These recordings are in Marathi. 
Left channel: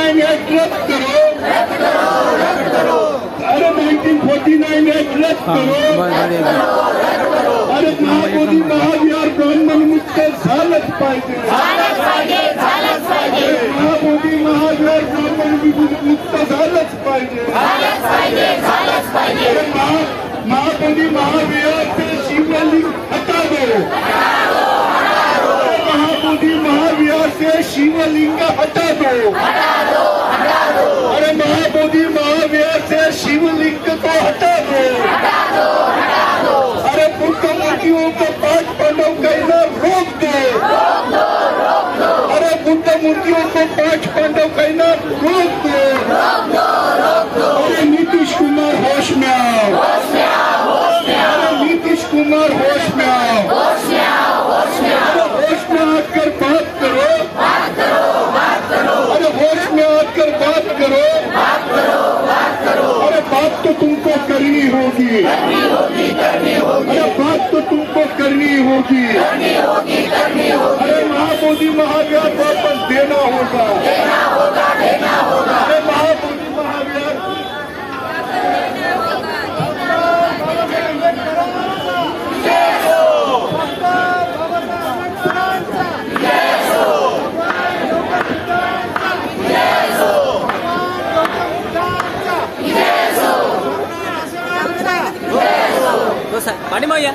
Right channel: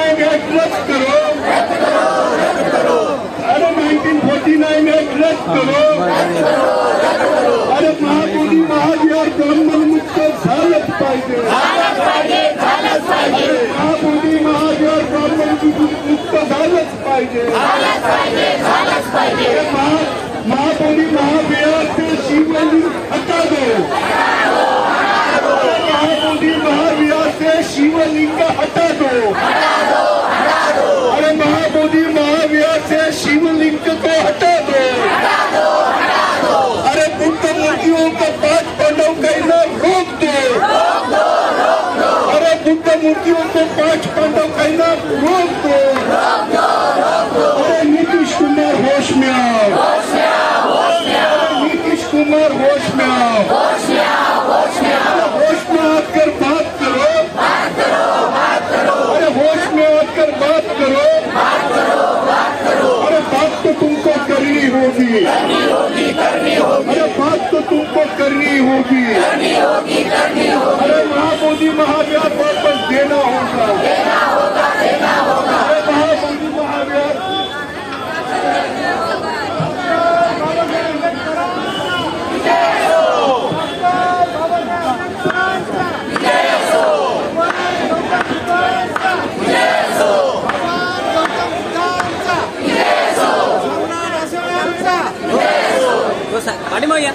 1949 एक्ट रद्द करो, अरे 1949 एक्ट रद्द करो, अरे महाबोधी महाविहार ब्राह्मण मुक्त झालंच पाहिजे, महाबोधी महाविहार ब्राह्मण मुक्त झालंच पाहिजे, महाबोधी महाविहार से शिवलिंग हटा दो, महाबोधी महाविहार से शिवलिंग हटा दो, अरे महाबोधी महाविहार से शिवलिंग को हटा दो, अरे बुद्ध मूर्तियों को 5 पांडव कहना रोक दो, अरे बुद्ध मूर्तियों को 5 पांडव कहना रोक दो, अरे नीतीश कुमार होश में आओ, अरे नीतीश कुमार होश में आओ, होश में आकर बात करो, अरे होश में आकर बात करो, अरे बात तो तुमको करनी होगी, अरे बात तो तुमको करनी होगी, अरे महाबोधी महाविहार वापस देना होगा, अरे महाबोधी महाविहार पाठीमागे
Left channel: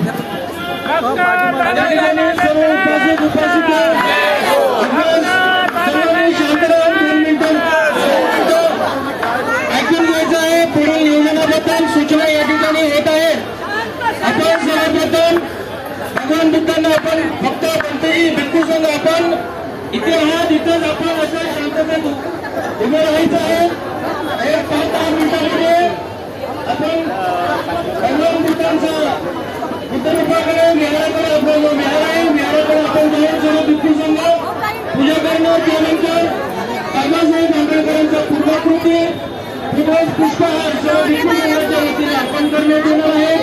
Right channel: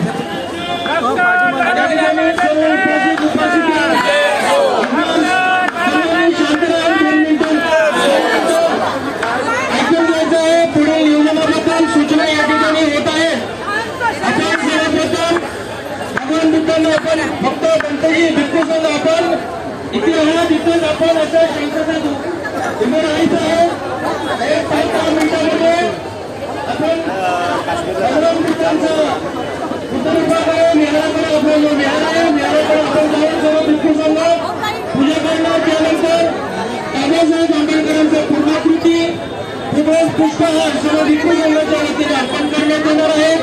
पुढील नियोजनाबद्दल सूचना या ठिकाणी होत आहे। आपण सर्वप्रथम भगवान बुद्धांना आपण फक्त कोणतेही भिक्खू संघ आपण इथे आहात, इथेच आपण असं शांततेत उभे राहायचं आहे। 5 मिनिटांमध्ये आपण भगवान बुद्धांचं मेळाव्याकडे आपण जाऊन सर्व भिक्खू संघ पूजा करणार। त्यानंतर बाबासाहेब आंबेडकरांच्या पूर्णाकृती पुष्पहार सर्व भिक्खू संघाच्या वतीने अर्पण करण्यात येणार आहे।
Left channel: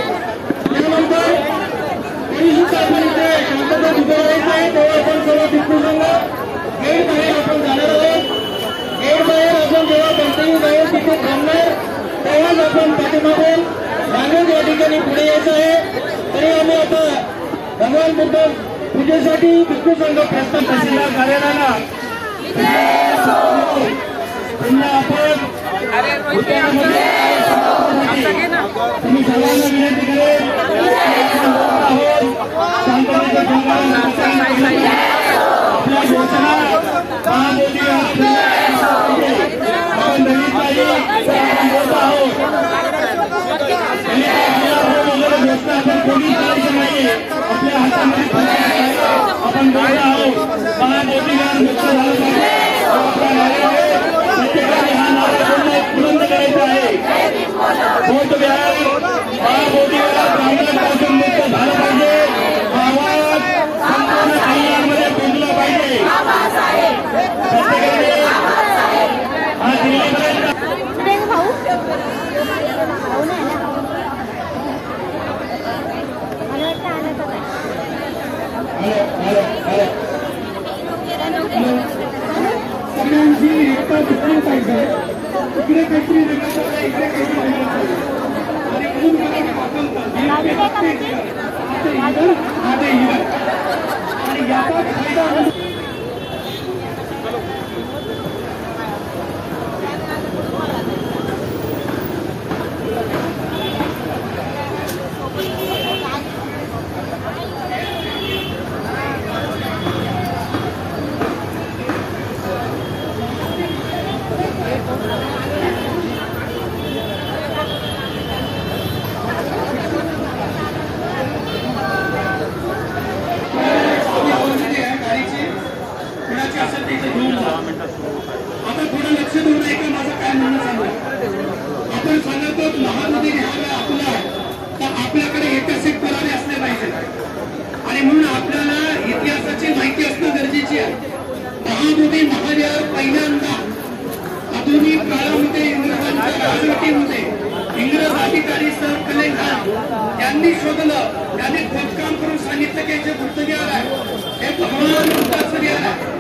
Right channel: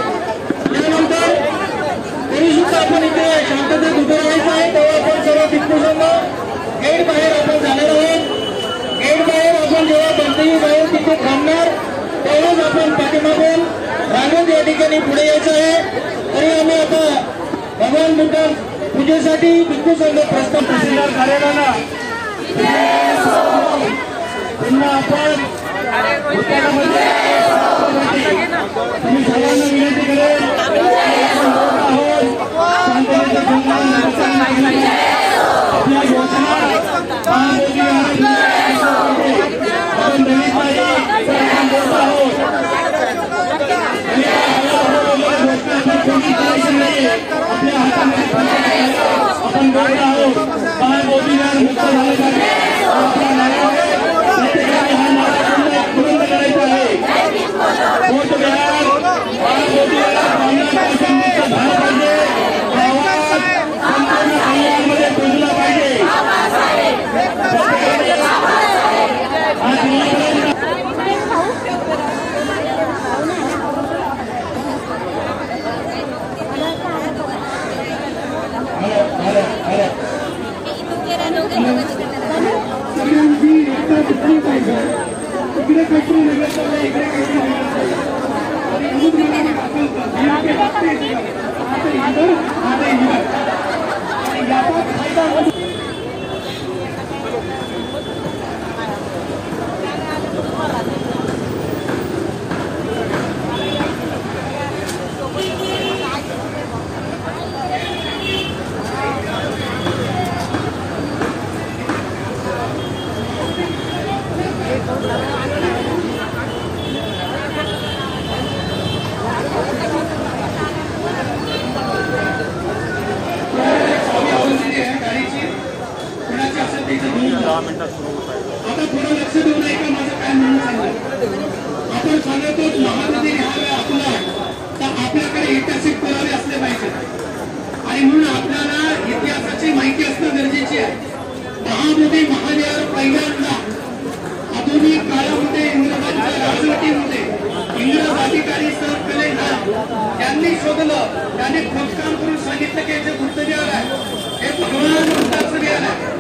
त्यानंतर तरी सुद्धा आपण इथे शांततेत उभे राहायचं आहे। तेव्हा आपण सर्व भिक्खू संघ गेट बाहेर आपण जाणार आहोत। गेट बाहेर आपण जेव्हा बंदही जाऊन तिथे थांबणार तेव्हाच आपण पाठीमागून रांगेत या ठिकाणी पुढे यायचं आहे। तरी आम्ही आता भगवान बुद्ध पूजेसाठी भिक्खू संघ प्रस्ताव झालेला ना पुन्हा आपण तुम्ही सर्वांना विनंती करेल आपल्या घोषणा आपल्या हातामध्ये आपण बोलत आहोत महाबोधीला मुक्त सगळ्यांची एकता सुटली पाहिजे। इकडे काहीतरी वेगळं चाललं, इकडे काहीतरी वेगळं चाललं आणि म्हणून मला हे दाखवतात आता इधर आता इधर आणि याचा फायदा आता थोडं लक्ष देऊन ऐका माझं काय म्हणणं सांगा। आपण सांगतो महाबोधी न्यायालय आपलं आहे तर आपल्याकडे ऐतिहासिक पुरावे असले पाहिजे आणि म्हणून आपल्याला इतिहासाची माहिती असणं गरजेची आहे। महाबोधी महाविहार पहिल्यांदा आधुनिक काळामध्ये इंग्रजांच्या राजवटीमध्ये इंग्रज अधिकारी सर कलेखान यांनी शोधलं, त्यांनी खोदकाम करून सांगितलं की याचे गुप्तविहार आहे, हे भगवान बुद्धाचं विहार आहे।